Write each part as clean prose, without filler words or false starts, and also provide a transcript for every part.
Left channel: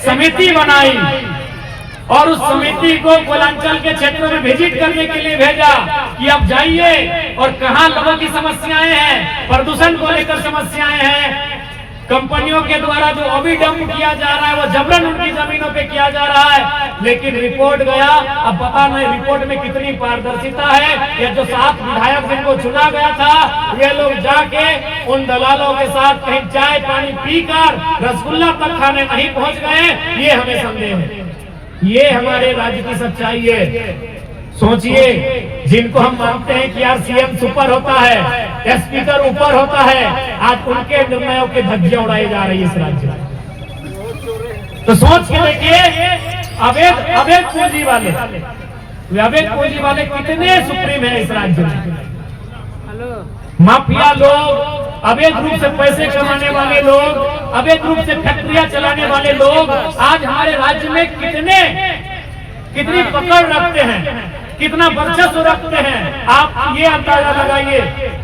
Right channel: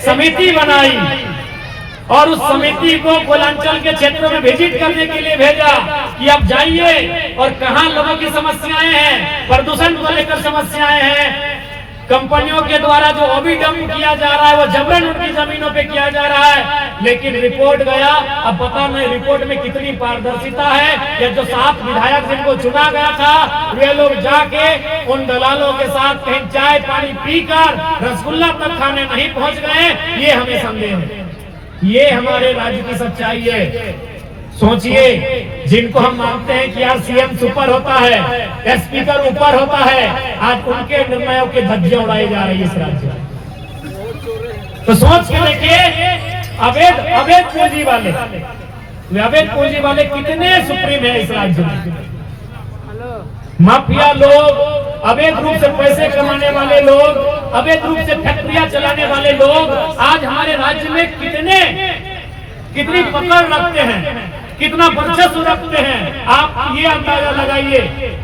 समिति बनाई और उस समिति को पूर्वांचल के क्षेत्रों में विजिट करने के लिए भेजा कि अब जाइए और कहां लोगों की समस्याएं हैं, प्रदूषण को लेकर समस्याएं हैं, कंपनियों के द्वारा जो अभी डंप किया जा रहा है वो जबरन उनकी जमीनों पे किया जा रहा है। लेकिन रिपोर्ट गया, अब पता नहीं रिपोर्ट में कितनी पारदर्शिता है। ये जो 7 विधायक जिनको चुना गया था वे लोग जाके उन दलालों के साथ कहीं चाय पानी पीकर रसगुल्ला तक खाने नहीं पहुंच गए, ये हमें संदेह है। ये हमारे राज्य की सच्चाई है। सोचिए, जिनको हम मानते हैं कि यार सीएम सुपर होता है, स्पीकर ऊपर होता है, आज उनके निर्णयों के धज्जियां उड़ाई जा रही है इस राज्य में। तो सोच के देखिए, अवैध पूंजी वाले कितने सुप्रीम है इस राज्य में। माफिया लोग, अवैध रूप से पैसे कमाने वाले लोग, अवैध रूप से फैक्ट्रियां चलाने वाले लोग आज हमारे राज्य में कितनी पकड़ रखते हैं, कितना वर्चस्व रखते हैं। आप ये अंदाजा लगाइए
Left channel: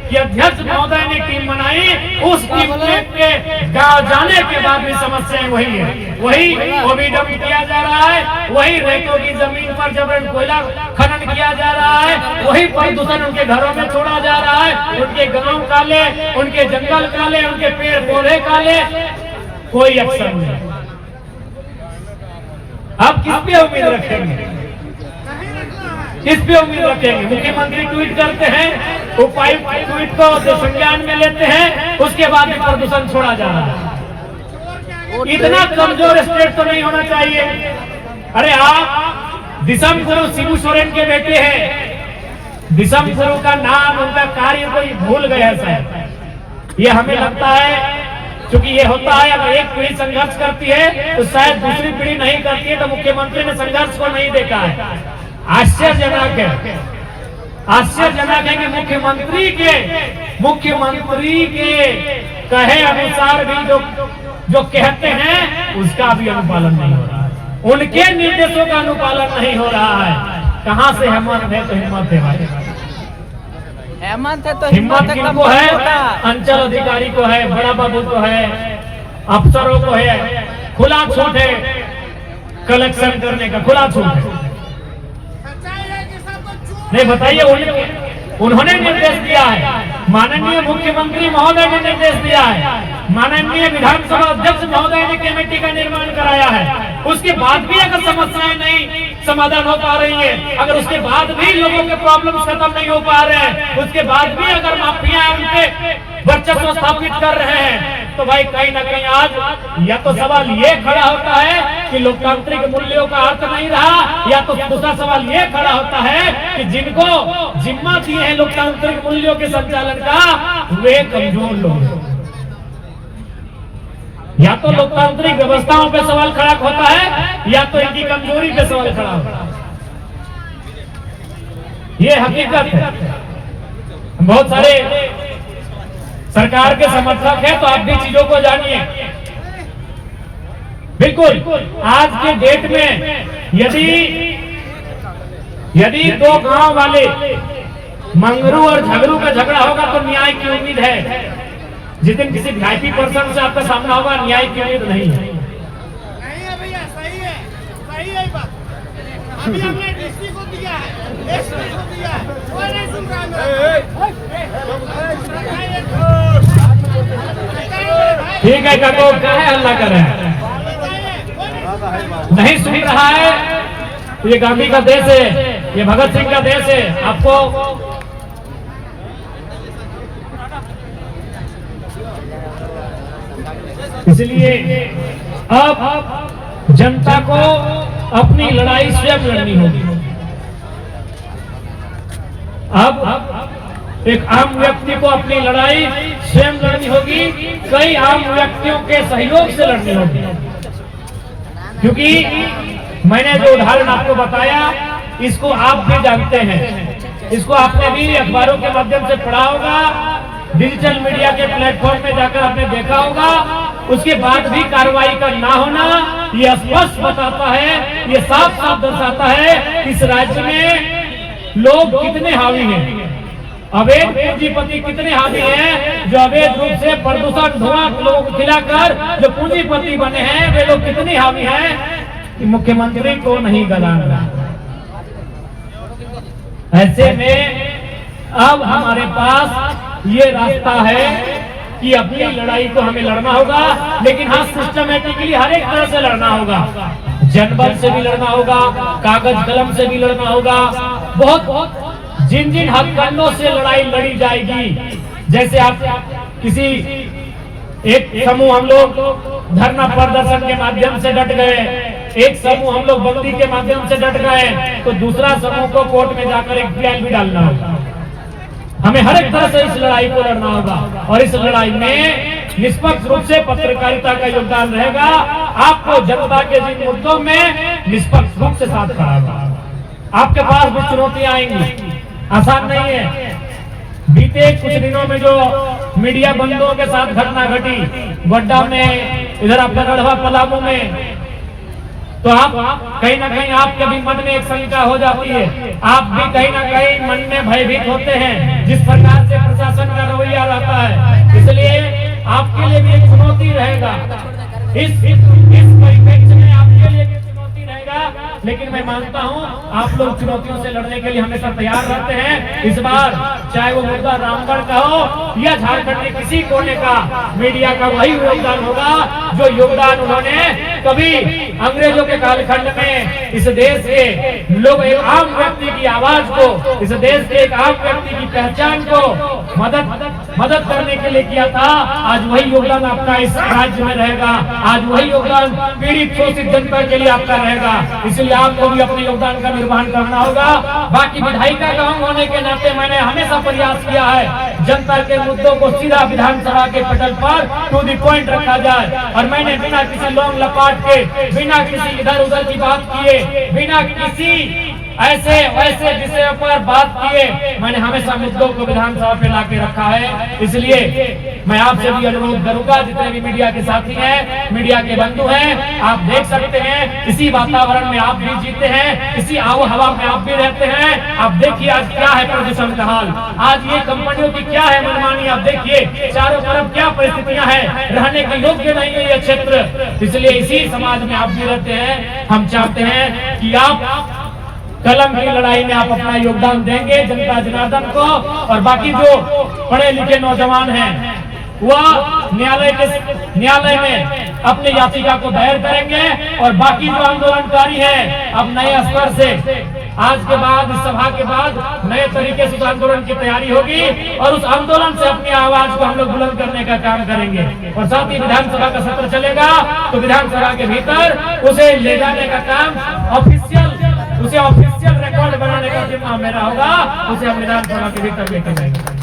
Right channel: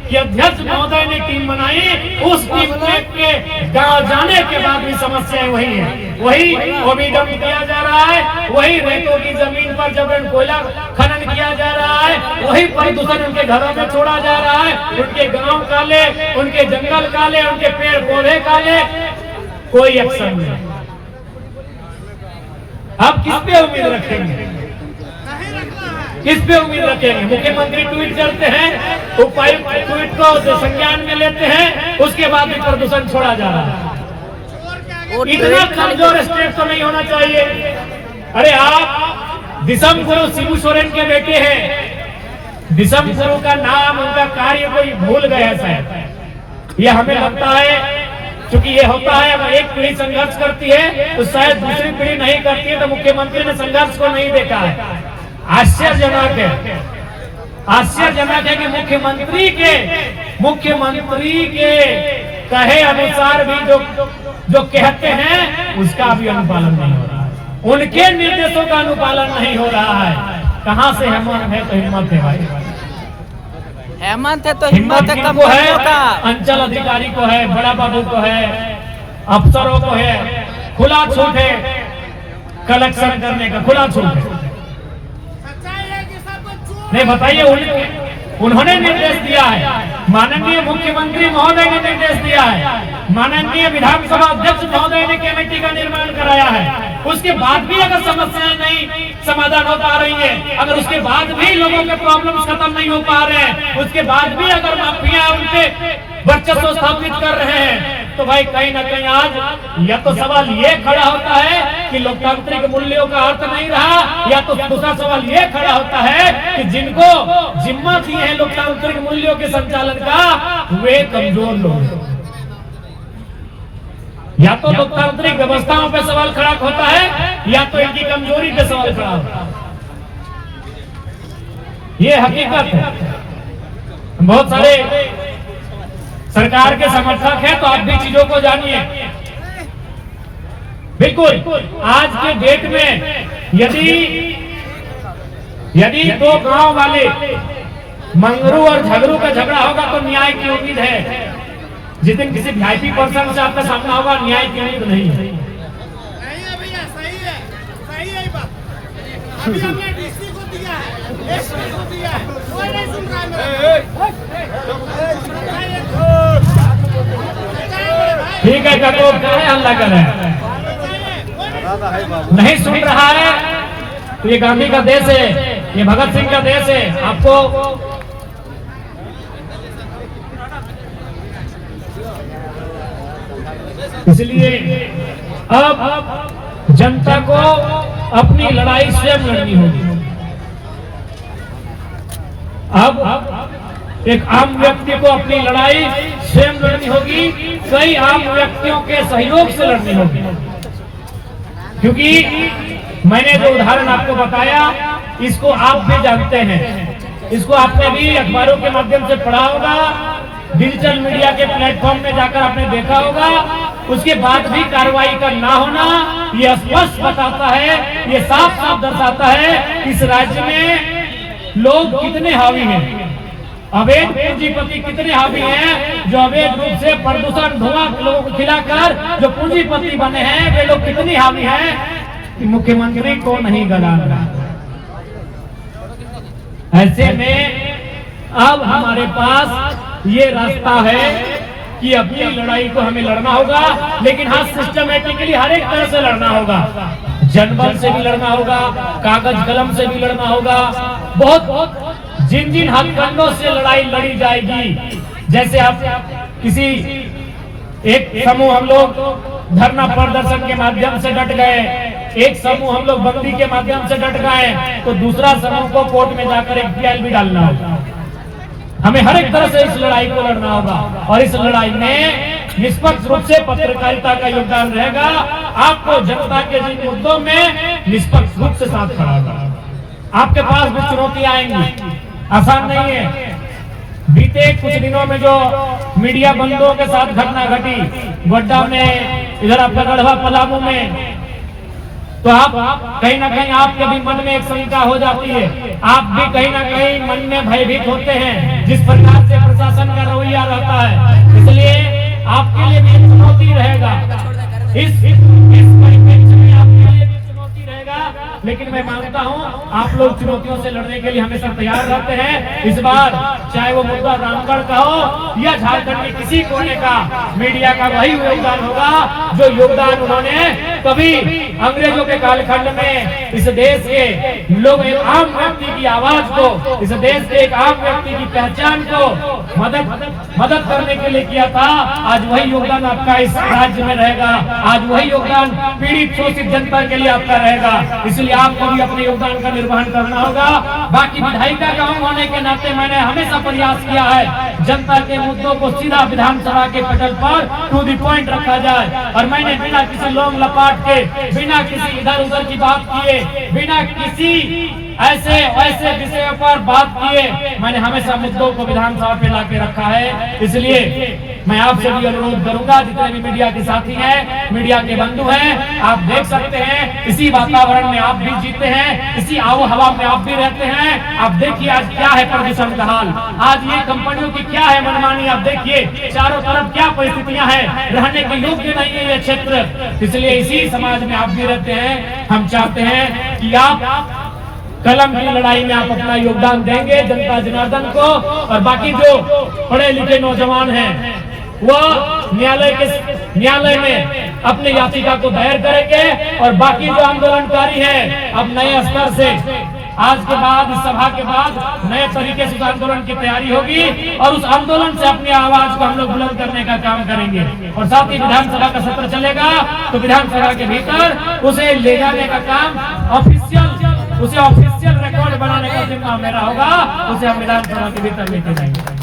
कि अध्यक्ष महोदय ने टीम बनाई, उस टीम के गांव जाने के बाद भी समस्याएं वही है, वही डंप किया जा रहा है, वही रेतों की जमीन पर जबरन कोयला खनन किया जा रहा है, वही प्रदूषण उनके घरों में छोड़ा जा रहा है, उनके गांव काले, उनके जंगल काले, उनके पेड़ पौधे काले, कोई एक्शन नहीं। आप किस पे उम्मीद रखेंगे, किस पे उम्मीद रखेंगे? मुख्यमंत्री ट्वीट करते हैं, उपायुक्त ट्वीट को संज्ञान में लेते हैं, उसके बाद भी प्रदूषण छोड़ा जा रहा है। इतना कमजोर स्टेट तो नहीं होना चाहिए। अरे आप दिसम गुरु शिबू सोरेन के बेटे हैं, दिसम गुरु का नाम, उनका कार्य कोई भूल गए हैं शायद। ये हमें लगता है क्योंकि ये होता है, अगर एक पीढ़ी संघर्ष करती है तो शायद दूसरी पीढ़ी नहीं करती है, तो मुख्यमंत्री ने संघर्ष को नहीं देखा है। आश्चर्यजनक है, आश्चर्यजनक है कि मुख्यमंत्री के कहे अनुसार भी जो कहते हैं उसका भी अनुपालन नहीं हो रहा है, उनके निर्देशों का अनुपालन नहीं हो रहा है। कहां से हिम्मत है? तो हिम्मत है भाई, हिम्मत किनको है? अंचल अधिकारी को है, बड़ा बाबू को है, अफसरों को है, खुला छूट है कलेक्शन करने का, खुला छूट है। नहीं बताइए, उन्होंने निर्देश दिया है, माननीय मुख्यमंत्री महोदय ने निर्देश दिया है, माननीय विधानसभा अध्यक्ष महोदय ने कमेटी का निर्माण कराया है। उसके बाद भी अगर समस्याएं नहीं समाधान हो पा रही है, अगर उसके बाद भी लोगों के प्रॉब्लम्स खत्म नहीं हो पा रहे हैं, उसके बाद भी अगर माफिया उनके वर्चस्व स्थापित कर रहे हैं, तो भाई कहीं ना कहीं आज या तो सवाल ये खड़ा होता है कि लोकतांत्रिक मूल्यों का अर्थ नहीं रहा, या तो दूसरा सवाल ये खड़ा होता है कि जिनको जिम्मा दिए हैं लोकतांत्रिक मूल्यों के संचालन का, वे कमजोर लोग। या तो लोकतांत्रिक व्यवस्थाओं पे सवाल खड़ा होता है, या तो इनकी कमजोरी पे सवाल खड़ा होता है। ये हकीकत है। बहुत सारे सरकार के समर्थक हैं, तो आप भी चीजों को जानिए। बिल्कुल आज के डेट में यदि दो गांव वाले मंगरू और झगड़ू का झगड़ा होगा तो न्याय की उम्मीद है। जिस दिन किसी वीआईपी पर्सन से आपका सामना होगा, न्याय की उम्मीद नहीं है। भैया सही है बात। अभी हमने डीसी को दिया है, एसपी को दिया है, कोई नहीं सुन रहा है। ठीक है, तो क्या है, हल्ला कर रहे हैं, नहीं सुन रहा है। तो ये गांधी का देश है, ये भगत सिंह का देश है। आपको इसलिए अब जनता को अपनी लड़ाई स्वयं लड़नी होगी। अब एक आम व्यक्ति को अपनी लड़ाई स्वयं लड़नी होगी, कई आम व्यक्तियों के सहयोग से लड़नी होगी। क्योंकि मैंने जो उदाहरण आपको बताया, इसको आप भी जानते हैं, इसको आपने भी अखबारों के माध्यम से पढ़ा होगा, डिजिटल मीडिया के प्लेटफॉर्म पे जाकर आपने देखा होगा। उसके बाद भी कार्रवाई का ना होना यह स्पष्ट बताता है, ये साफ साफ दर्शाता है इस राज्य में लोग कितने हावी हैं अवैध पूंजीपति कितने हावी हैं जो अवैध रूप से प्रदूषण धुआं लोगों को खिलाकर जो पूंजीपति बने हैं वे लोग कितने हावी हैं कि मुख्यमंत्री को नहीं गलाना। ऐसे में अब हमारे पास ये रास्ता है कि अपनी लड़ाई तो हमें लड़ना होगा, लेकिन हाँ सिस्टमेटिकली हर एक तरह से लड़ना होगा। जनबल से भी लड़ना होगा, कागज कलम से भी लड़ना होगा, बहुत जिन जिन हथकंडों से लड़ाई लड़ी जाएगी। जैसे आप किसी एक समूह हम लोग धरना प्रदर्शन के माध्यम से डट गए, एक समूह हम लोग बंदी के माध्यम से डट गए, तो दूसरा समूह को कोर्ट में जाकर एक ट्रायल भी डालना होगा। हमें हर एक तरह से इस लड़ाई को लड़ना होगा और इस लड़ाई में निष्पक्ष रूप से पत्रकारिता का योगदान रहेगा। आपको जनता के जिन मुद्दों में निष्पक्ष रूप से साथ खड़ा होगा। आपके पास भी चुनौतियां आएंगी, आसान नहीं है। बीते कुछ दिनों में जो मीडिया बंदों के साथ घटना घटी गोड्डा में, इधर आपका गढ़वा पलामू में, तो आप कहीं ना कहीं आपके भी मन में एक शंका हो जाती है, आप भी कहीं ना कहीं मन में भयभीत होते हैं जिस प्रकार से प्रशासन का रवैया रहता है। इसलिए आपके लिए भी एक चुनौती रहेगा, इस परिप्रेक्ष्य में आपके लिए भी चुनौती रहेगा। लेकिन मैं मानता हूं आप लोग चुनौतियों से लड़ने के लिए हमेशा तैयार रहते हैं। इस बार चाहे वो मुद्दा रामगढ़ का हो या झारखंड के किसी कोने का, मीडिया का वही योगदान होगा जो योगदान उन्होंने कभी अंग्रेजों के कालखंड में इस देश के लोग एक आम व्यक्ति की आवाज को, इस देश के एक आम व्यक्ति की पहचान को मदद करने के लिए किया था। आज वही योगदान आपका इस राज्य में रहेगा, आज वही योगदान पीड़ित शोषित जनता के लिए आपका रहेगा। इसलिए आपको भी अपने योगदान का निर्वहन करना होगा। बाकी विधायिका गांव होने के नाते मैंने हमेशा प्रयास किया है जनता के मुद्दों को सीधा विधानसभा के पटल पर टू द पॉइंट रखा जाए, और मैंने बिना किसी लोम लपाट के, बिना किसी इधर उधर की बात किए, बिना किसी ऐसे वैसे विषयों पर बात किए, मैंने हमेशा मुद्दों को विधानसभा पे लाके रखा है। इसलिए मैं आपसे भी अनुरोध करूंगा, जितने भी मीडिया के साथी हैं, मीडिया के बंधु हैं, आप देख सकते हैं इसी वातावरण में आप भी जीते हैं, इसी आबो हवा में आप भी रहते हैं। आप देखिए आज क्या है प्रदूषण का हाल, आज ये कंपनियों की क्या है मनमानी, आप देखिए चारों तरफ क्या परिस्थितियां हैं, रहने के योग्य नहीं है ये क्षेत्र। इसलिए इसी समाज में आप भी रहते हैं। हम चाहते हैं कि आप कलम की लड़ाई में आप अपना योगदान देंगे जनता जनार्दन को, और बाकी जो पढ़े लिखे नौजवान हैं वह न्यायालय में अपनी याचिका को दायर करेंगे, और बाकी जो आंदोलनकारी हैं अब नए स्तर से आज के बाद, इस सभा के बाद नए तरीके से आंदोलन की तैयारी होगी, और उस आंदोलन से अपनी आवाज को हम लोग बुलंद करने का काम करेंगे। और साथ ही विधानसभा का सत्र चलेगा तो विधानसभा के भीतर उसे ले जाने का काम ऑफिशियल रिकॉर्ड बनाने का जिम्मा मेरा होगा, उसे हम विधानसभा के भीतर लेके जाएंगे।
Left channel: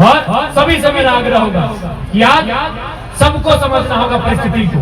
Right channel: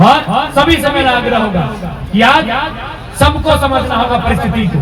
और सभी से मेरा आग्रह होगा कि आज सबको समझना होगा परिस्थिति को।